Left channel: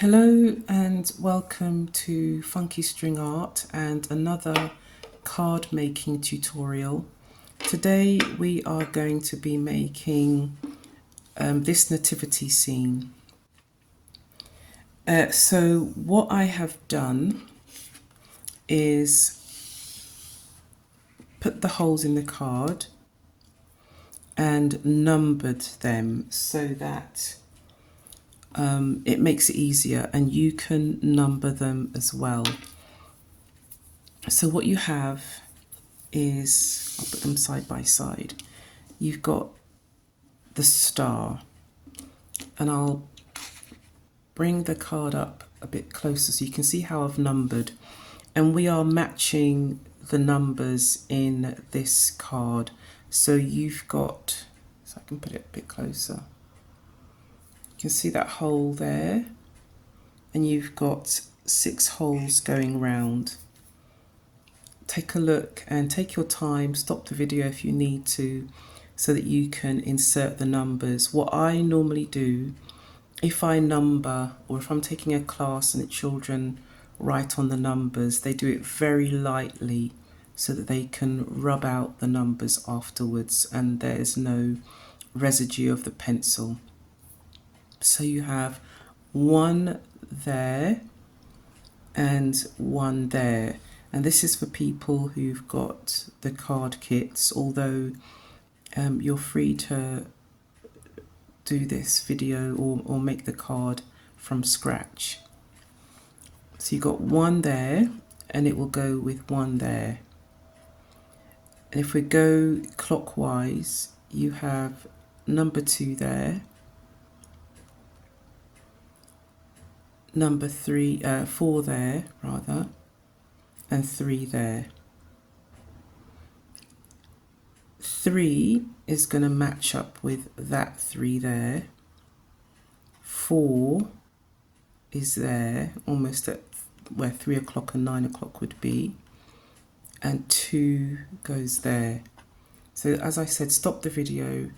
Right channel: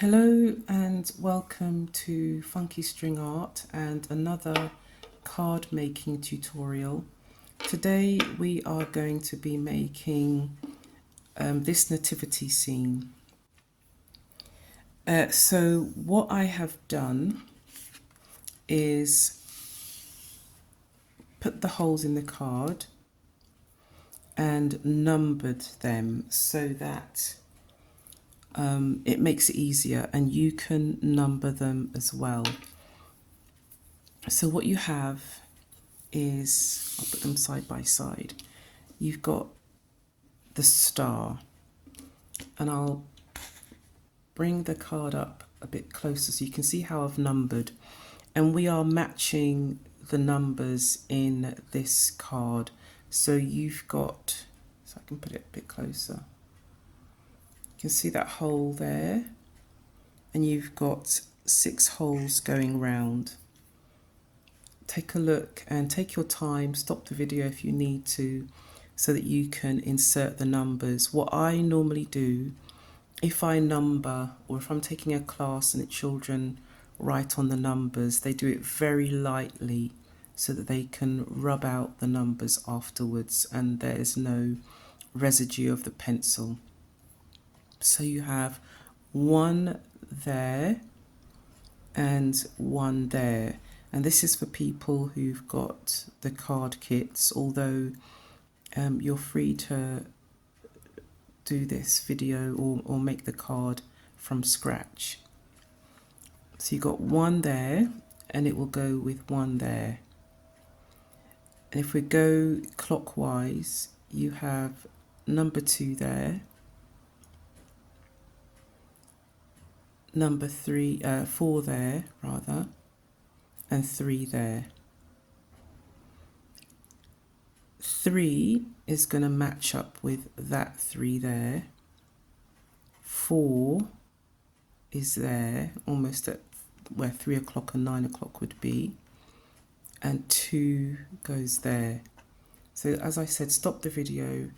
Hello and welcome to Funky String Art and another card making tutorial. Today we are going to be making this nativity scene. So what I have done is put the holes in the card and numbered them so that it makes it easier, and you can number them as well. So what you have is, I'll put them side by side. You've got the star, and I'll bring the card up a bit closer so you can see how I've numbered, and we are matching the numbers in this card. So you've got, so I can put it a bit closer. You can see that hole there, and you've got 6 holes going round. Take a look and take your time, stop the video if you need to, so that you can insert the numbers. What I normally do, if I number, or if I'm taking a class and the children write on the numbers, they do it very lightly so that they can rub out the numbers afterwards and there's no residue of the pencil. So you have 1 there and 1 there. And this is for people who've got the card kits, although you're free to do this video or make the card from scratch. So you've got 1 there, and it will go with 1 there. And if we go clockwise, you have number 2 there, number 4 there rather, and 3 there. 3 is going to match up with that 3 there. 4 is there, almost at where 3 o'clock and 9 o'clock would be. And 2 goes there. So as I said, stop the video,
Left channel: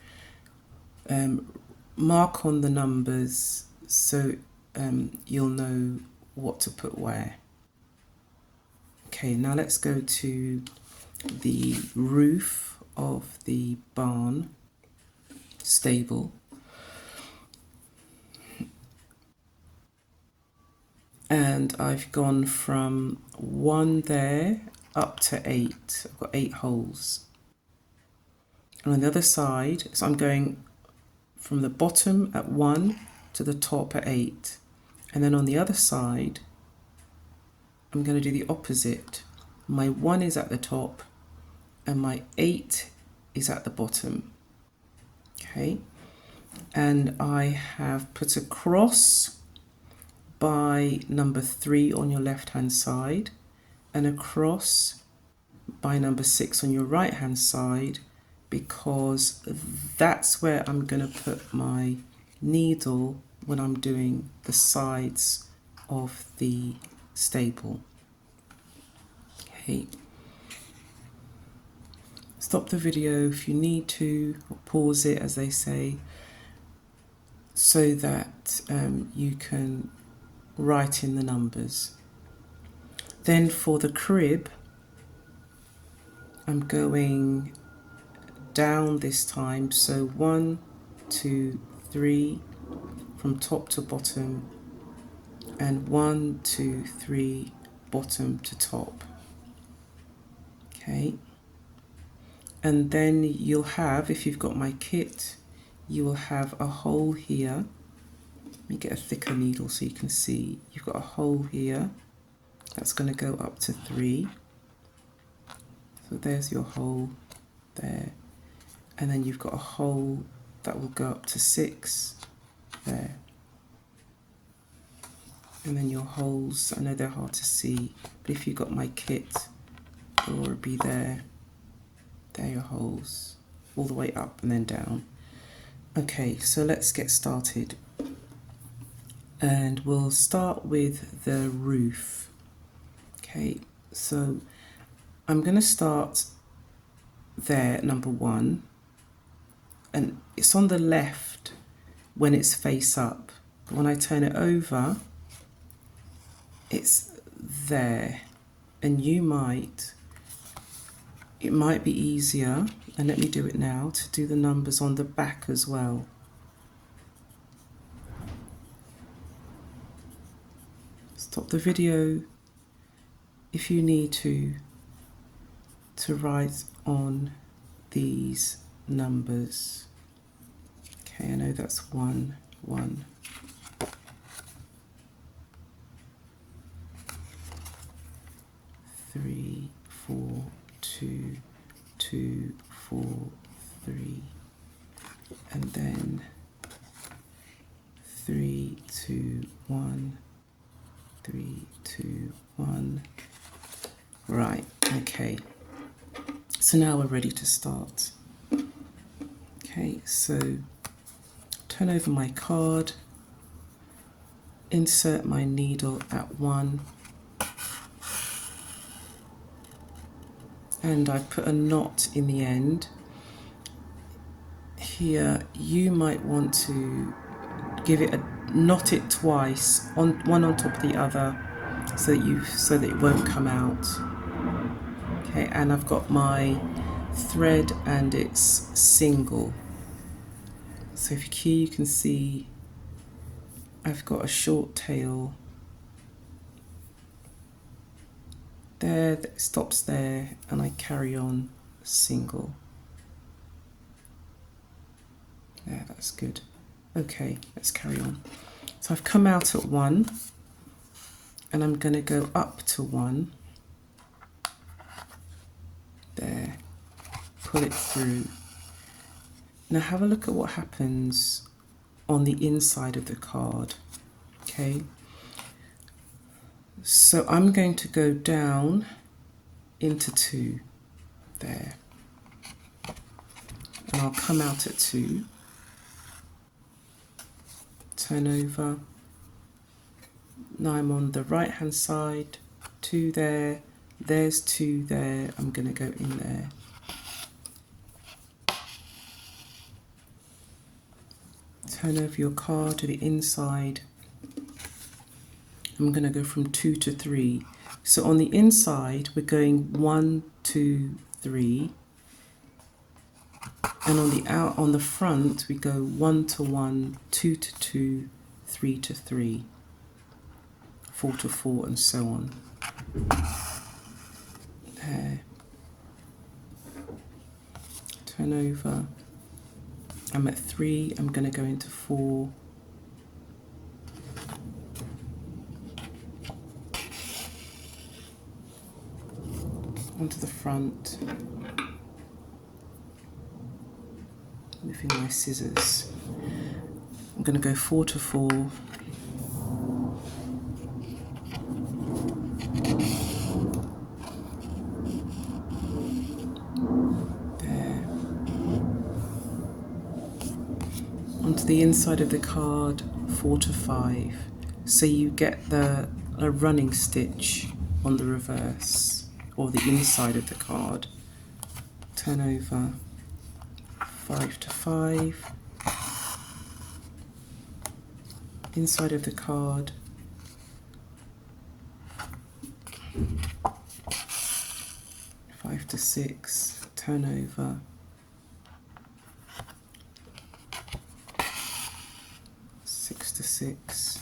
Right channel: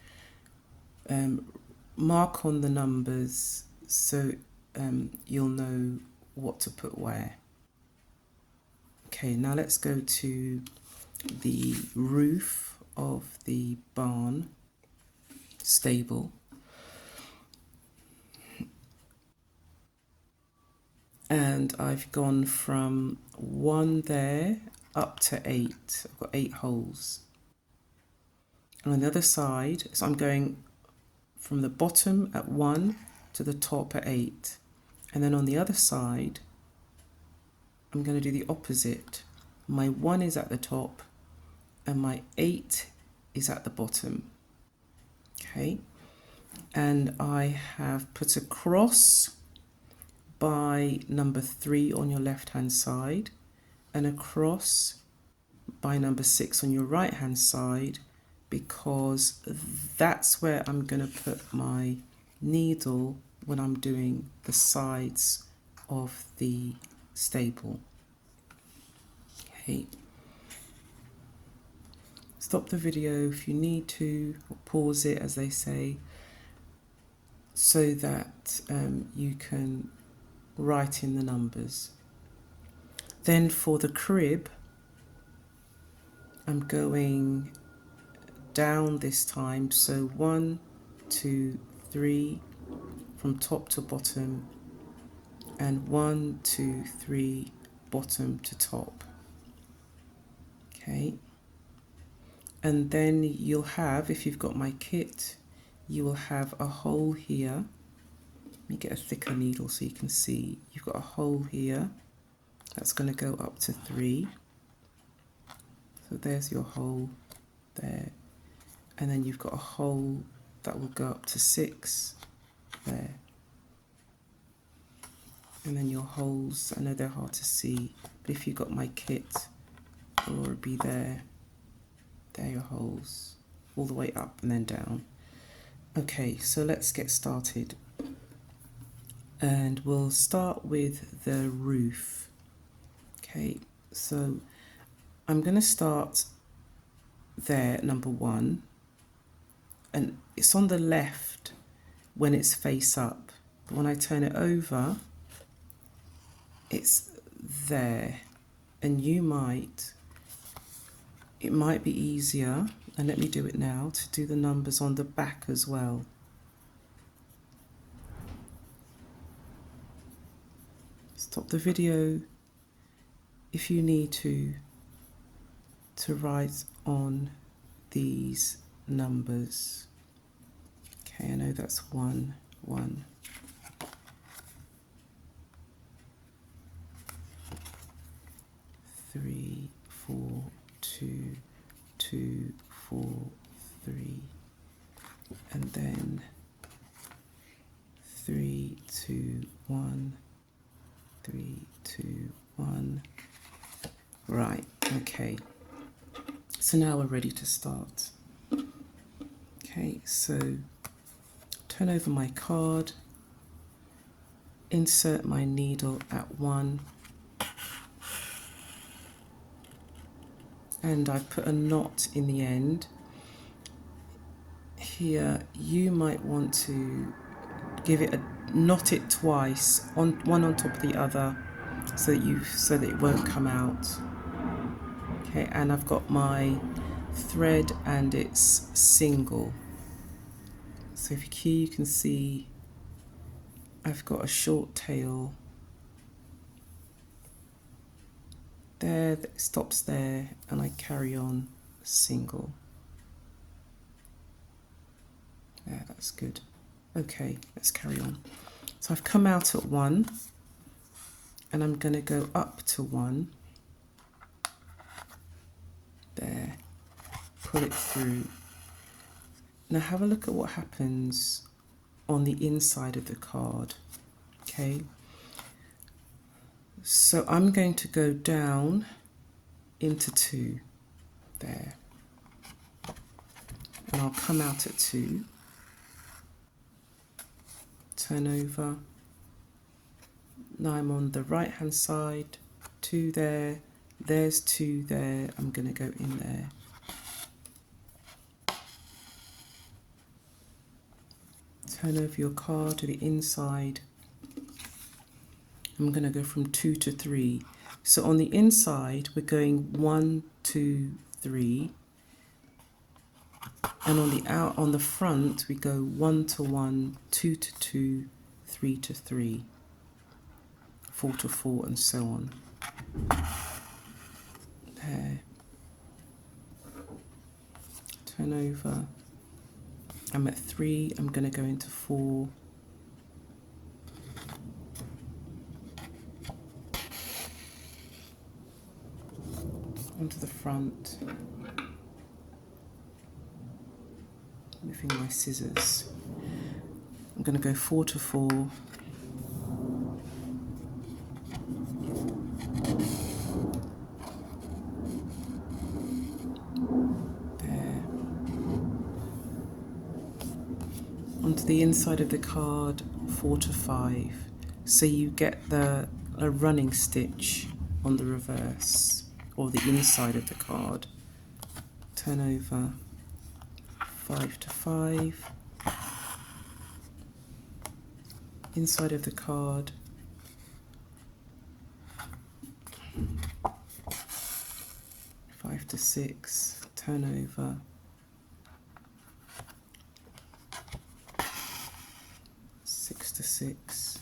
mark on the numbers so you'll know what to put where. Okay, now let's go to the roof of the barn stable. And I've gone from 1 there up to 8. I've got 8 holes. And on the other side, so I'm going from the bottom at 1 to the top at 8. And then on the other side, I'm going to do the opposite. My 1 is at the top and my 8 is at the bottom. Okay, and I have put a cross by number 3 on your left hand side and a cross by number 6 on your right hand side, because that's where I'm going to put my needle when I'm doing the sides of the stable. Okay, stop the video if you need to, or pause it as they say, so that you can write in the numbers. Then for the crib, I'm going down this time, so 1, 2, 3 from top to bottom, and 1, 2, 3 bottom to top. Okay, and then you'll have, if you've got my kit, you will have a hole here. Let me get a thicker needle so you can see. You've got a hole here that's going to go up to 3. So there's your hole there. And then you've got a hole that will go up to 6 there. And then your holes, I know they're hard to see, but if you've got my kit, it'll already be there. There are your holes, all the way up and then down. Okay, so let's get started. And we'll start with the roof. Okay, so I'm going to start there, number 1, and it's on the left when it's face up, but when I turn it over, it's there, and it might be easier, and let me do it now, to do the numbers on the back as well. Stop the video if you need to write on these numbers. Okay, I know that's 1, 1. 3, 4, 2, 2, 4, 3, and then 3, 2, 1, 3, 2, 1. Right, okay. So now we're ready to start. Okay, so turn over my card, insert my needle at 1, and I put a knot in the end. Here you might want to knot it twice, one on top of the other, so that it won't come out. Okay, and I've got my thread and it's single. So if you can see, I've got a short tail there that stops there, and I carry on single. There, that's good. Okay, let's carry on. So I've come out at 1, and I'm going to go up to 1. There, pull it through. Now have a look at what happens on the inside of the card. Okay, so I'm going to go down into 2 there, and I'll come out at 2, turn over. Now I'm on the right hand side, 2 there, there's 2 there, I'm going to go in there. Turn over your card to the inside. I'm going to go from 2 to 3. So on the inside we're going 1, 2, 3, and on the front we go 1 to 1, 2 to 2, 3 to 3, 4 to 4, and so on. There. Turn over. I'm at 3, I'm going to go into 4. Onto the front. Moving my scissors. I'm going to go 4 to 4. There. Onto the inside of the card, 4 to 5. So you get a running stitch on the reverse, or the inside of the card. Turn over, 5 to 5. Inside of the card, 5 to 6, turn over, 6 to 6,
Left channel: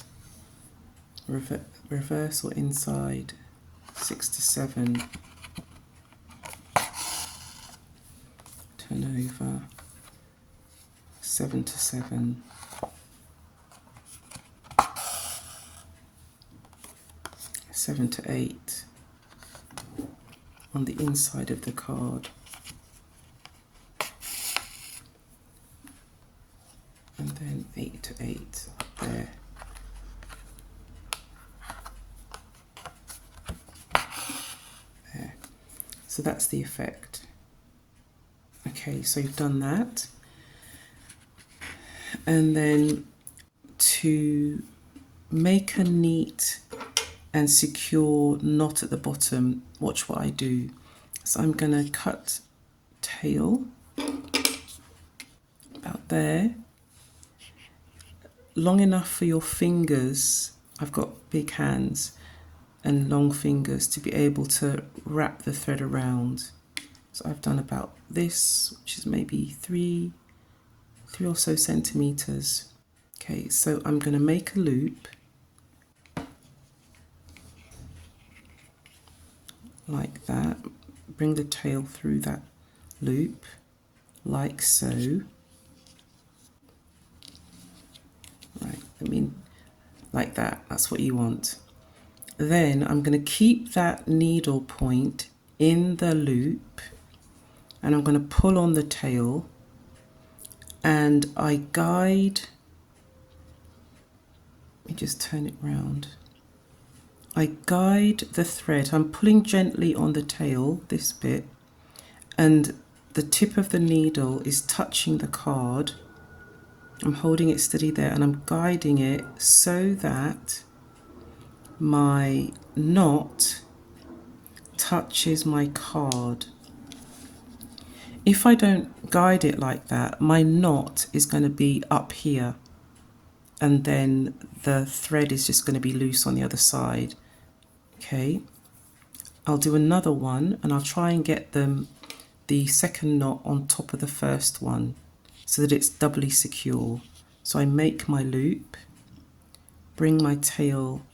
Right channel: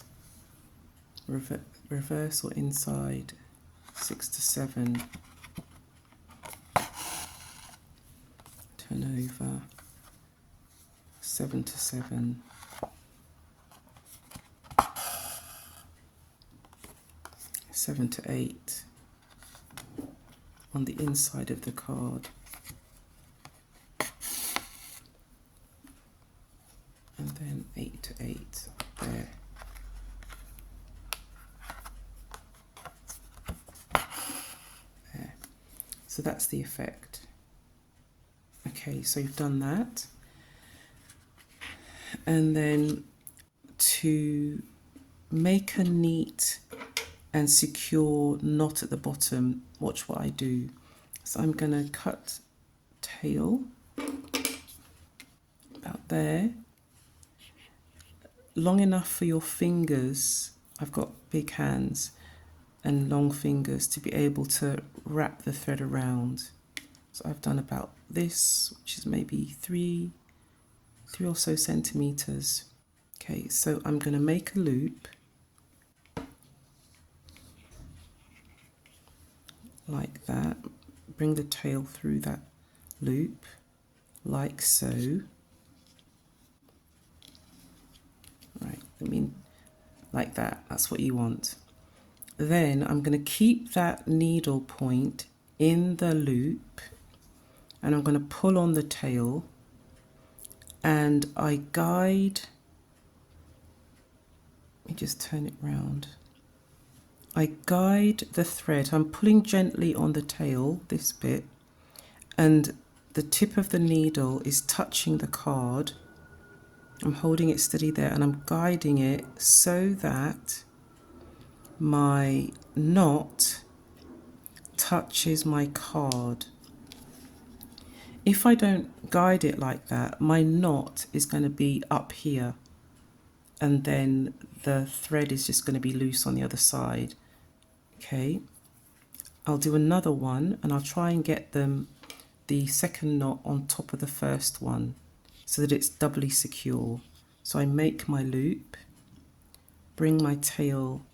reverse or inside, 6 to 7, turn over, 7 to 7, 7 to 8, on the inside of the card, and then 8 to 8 there. There. So that's the effect. Okay, so you've done that. And then to make a neat and secure knot at the bottom, watch what I do. So I'm going to cut tail about there, long enough for your fingers. I've got big hands, and long fingers to be able to wrap the thread around. So I've done about this, which is maybe three or so centimeters. Okay, so I'm going to make a loop like that, bring the tail through that loop like so. Right, I mean like that, that's what you want. Then I'm going to keep that needle point in the loop and I'm going to pull on the tail, and I guide, let me just turn it round. I guide the thread, I'm pulling gently on the tail, this bit, and the tip of the needle is touching the card. I'm holding it steady there and I'm guiding it so that my knot touches my card. If I don't guide it like that, my knot is going to be up here and then the thread is just going to be loose on the other side. Okay, I'll do another one and I'll try and get the second knot on top of the first one so that it's doubly secure. So I make my loop, bring my tail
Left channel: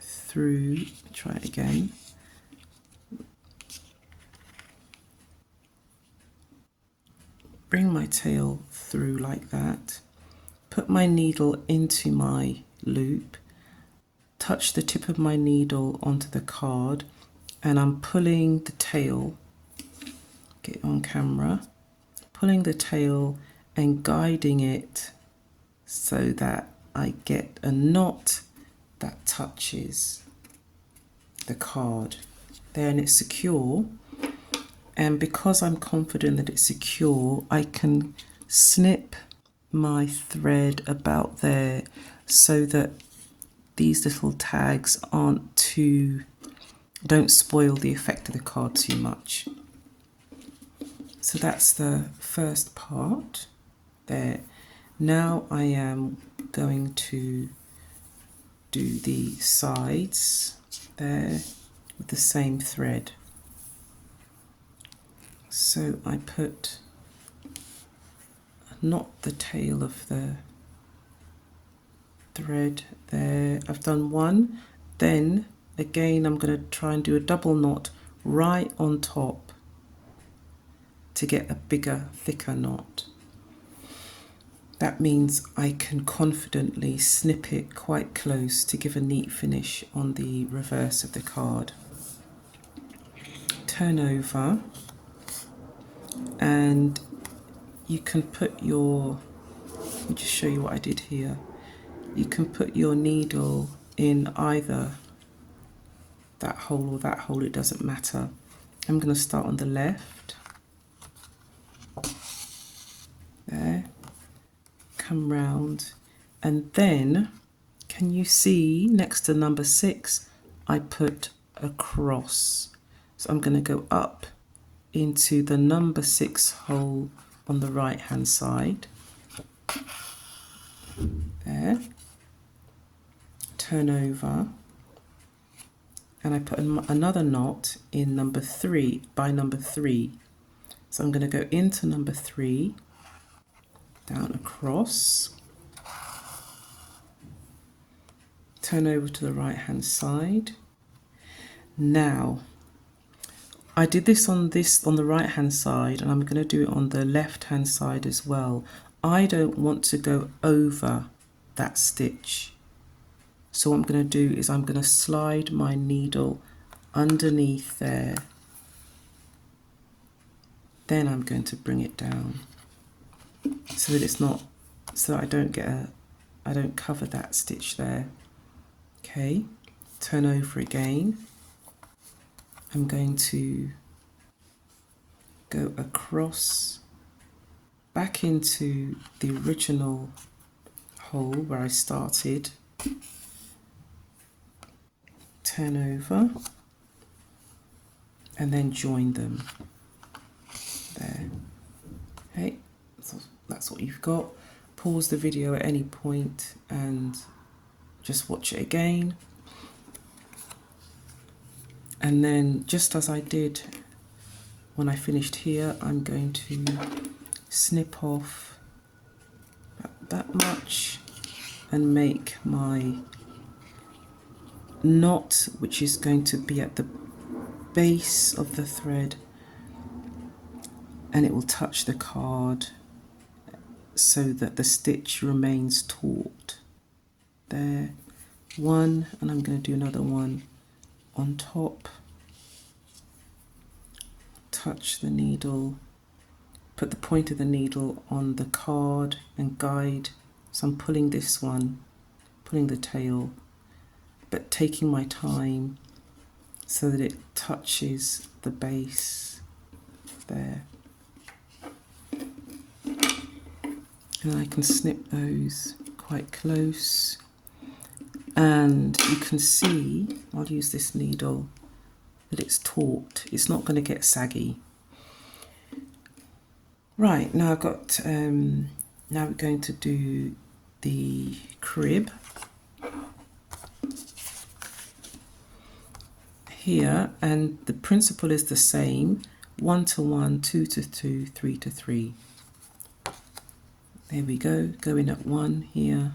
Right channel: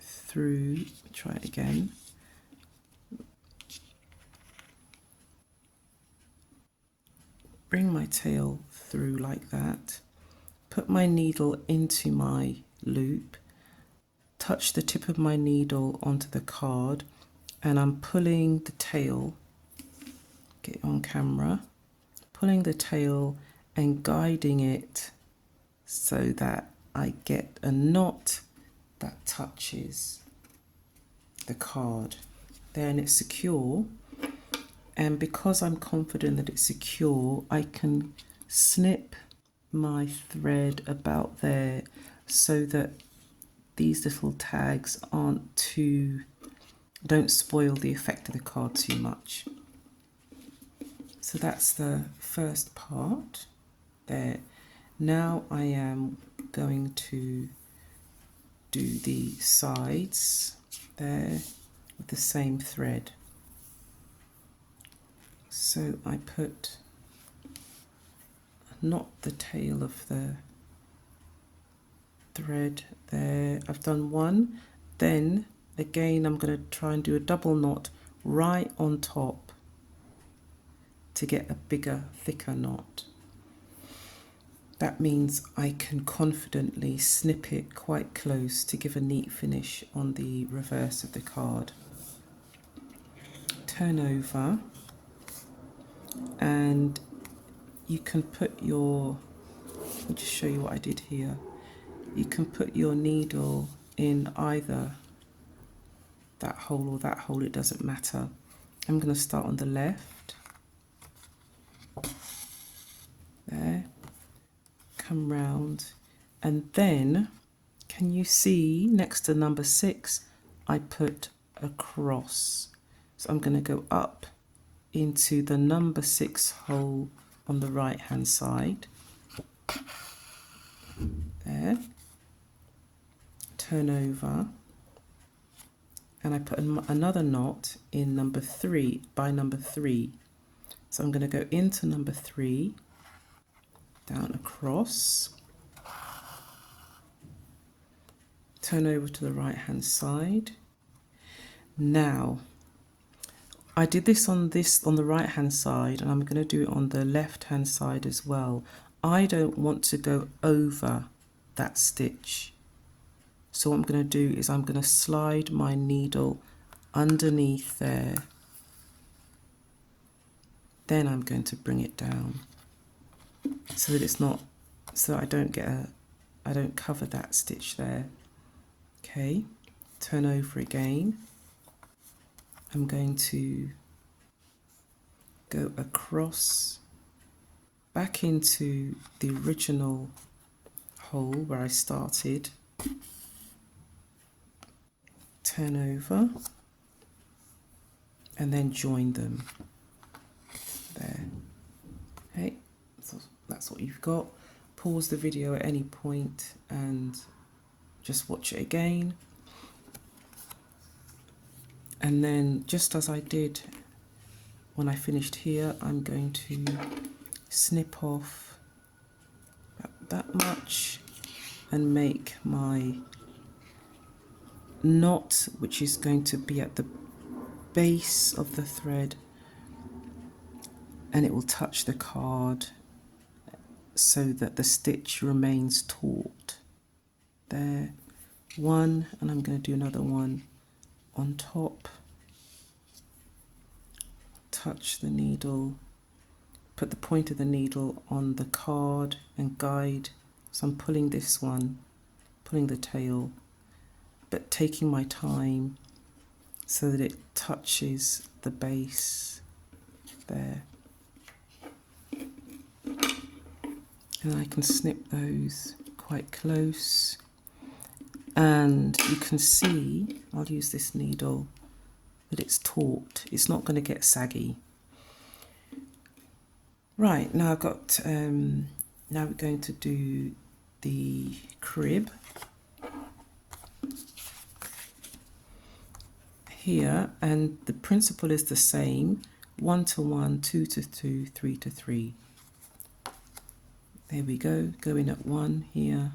through, try it again. Bring my tail through like that, put my needle into my loop, touch the tip of my needle onto the card, and I'm pulling the tail, get it on camera, pulling the tail and guiding it so that I get a knot that touches the card. Then it's secure, and because I'm confident that it's secure, I can snip my thread about there so that these little tags don't spoil the effect of the card too much. So that's the first part there. Now I am going to do the sides there with the same thread. So I knot the tail of the thread there. I've done one, then again I'm going to try and do a double knot right on top to get a bigger, thicker knot. That means I can confidently snip it quite close to give a neat finish on the reverse of the card. Turn over, and you can put your, let me just show you what I did here. You can put your needle in either that hole or that hole, it doesn't matter. I'm going to start on the left, there, come round, and then can you see next to number 6 I put a cross. So I'm going to go up into the number 6 hole on the right hand side, there, turn over, and I put another knot in number 3 by number 3. So I'm going to go into number 3, down across, turn over to the right hand side. Now I did this on the right hand side, and I'm going to do it on the left hand side as well. I don't want to go over that stitch. So what I'm going to do is I'm going to slide my needle underneath there. Then I'm going to bring it down so that it's not, so I don't cover that stitch there. Okay, turn over again. I'm going to go across back into the original hole where I started, turn over, and then join them there. Okay, so that's what you've got. Pause the video at any point and just watch it again. And then just as I did when I finished here, I'm going to snip off that much and make my knot, which is going to be at the base of the thread, and it will touch the card so that the stitch remains taut. There, one, and I'm going to do another one on top. Touch the needle, put the point of the needle on the card and guide. So I'm pulling this one, pulling the tail, but taking my time so that it touches the base there. And I can snip those quite close. And you can see, I'll use this needle, that it's taut. It's not going to get saggy. Right, now I've got, now we're going to do the crib. Here, and the principle is the same, 1 to 1, 2 to 2, 3 to 3. There we go, going at 1 here.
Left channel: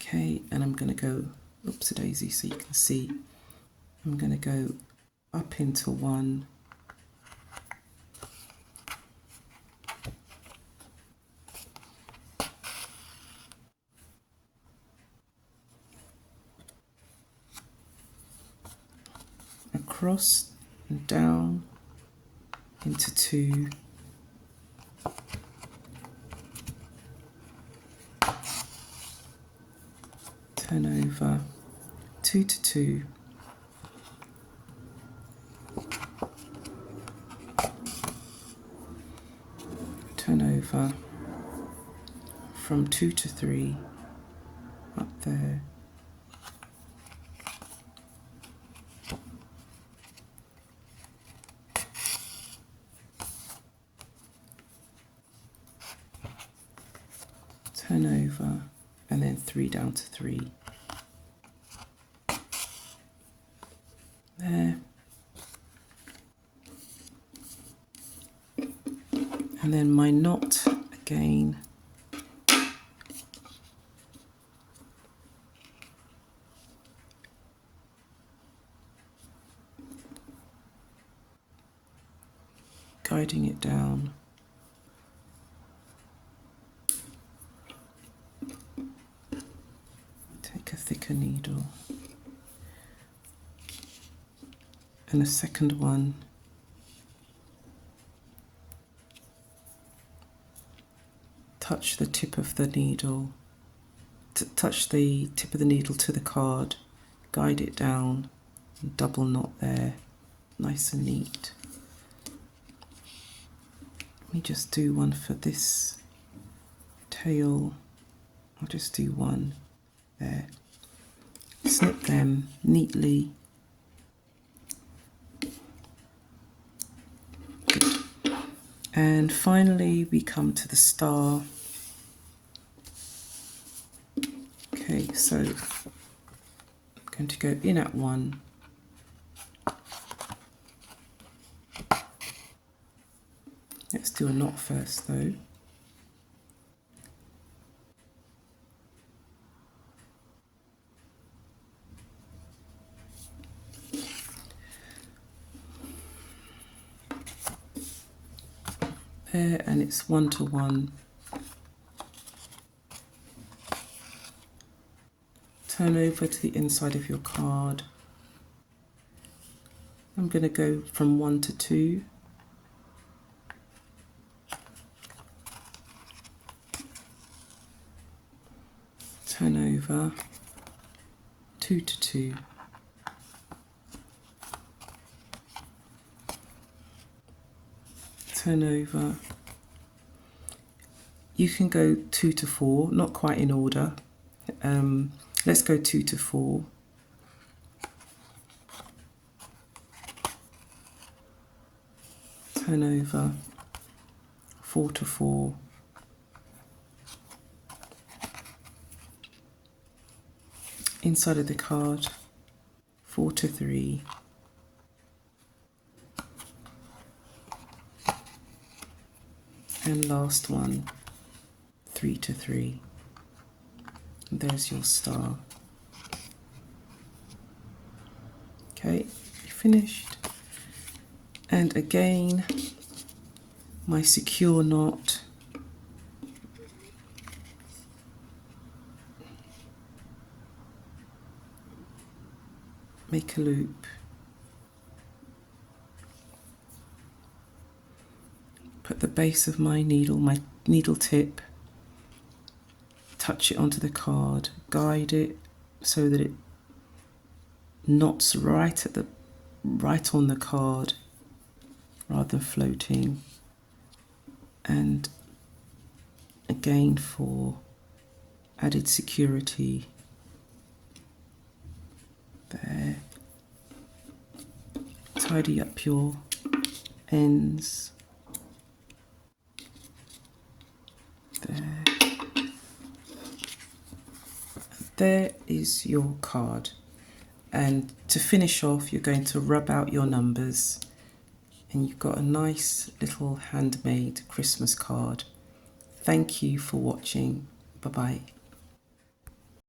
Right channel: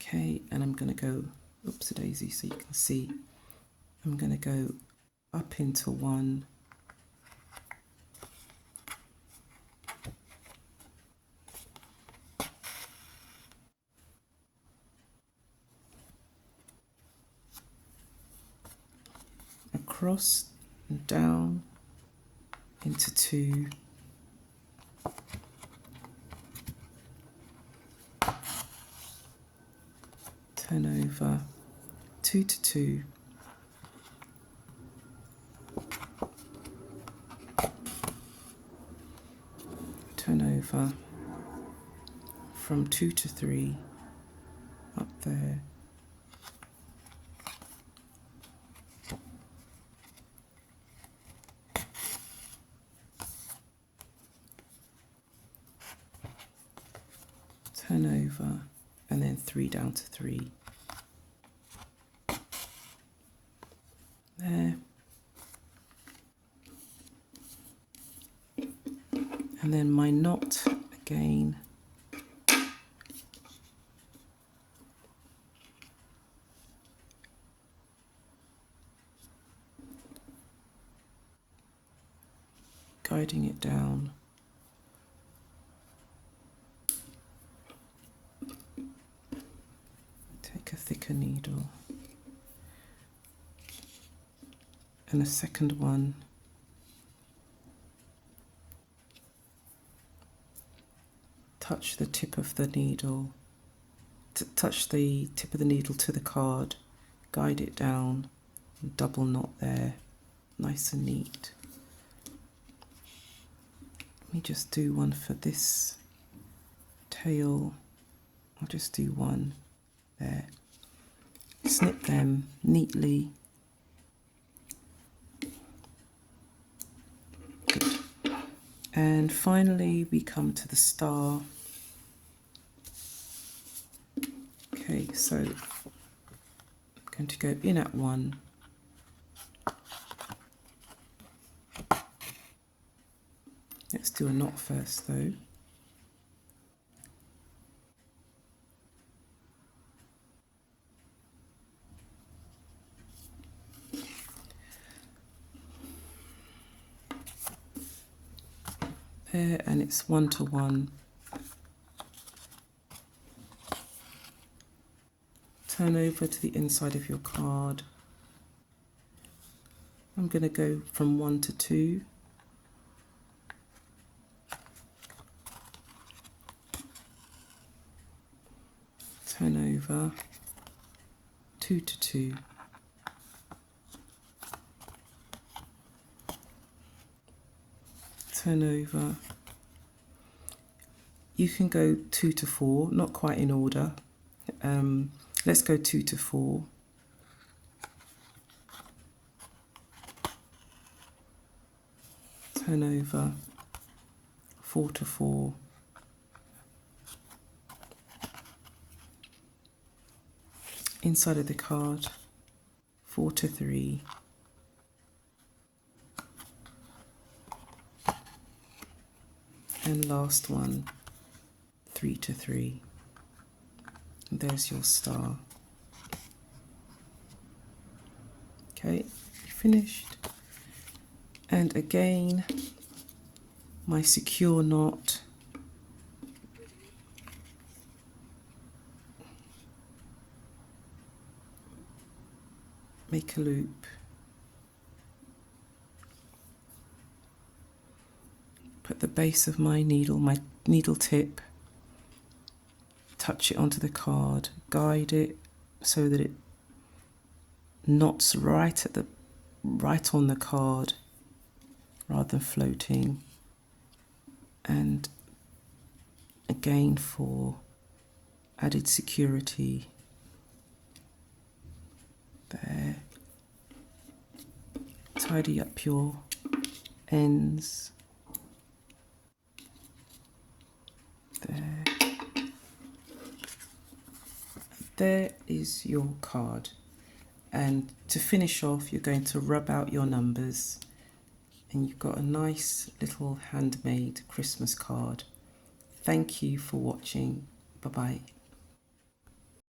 Okay, and I'm going to go, oops a daisy, so you can see, I'm going to go up into 1, across and down into 2, turn over, 2 to 2, turn over, from 2 to 3, up there, turn over, and then 3 down to 3. There. And then my knot again. Guiding it down. Take a thicker needle. And the second one, touch the tip of the needle, touch the tip of the needle to the card, guide it down, and double knot there, nice and neat. Let me just do one for this tail. I'll just do one there. Snip them neatly. And finally we come to the star. Okay, so I'm going to go in at 1. Let's do a knot first though. There, and it's 1 to 1. Turn over to the inside of your card. I'm going to go from 1 to 2. Turn over, 2 to 2. Turn over. You can go 2 to 4, not quite in order. Let's go 2 to 4. turn over 4 to 4, inside of the card 4 to 3, and last one 3 to 3. And there's your star. Okay, finished. And again, my secure knot, make a loop, put the base of my needle tip, touch it onto the card, guide it so that it knots right on the card rather than floating. And again, for added security, there, tidy up your ends, there. There is your card. And to finish off, you're going to rub out your numbers, and you've got a nice little handmade Christmas card. Thank you for watching. Bye-bye.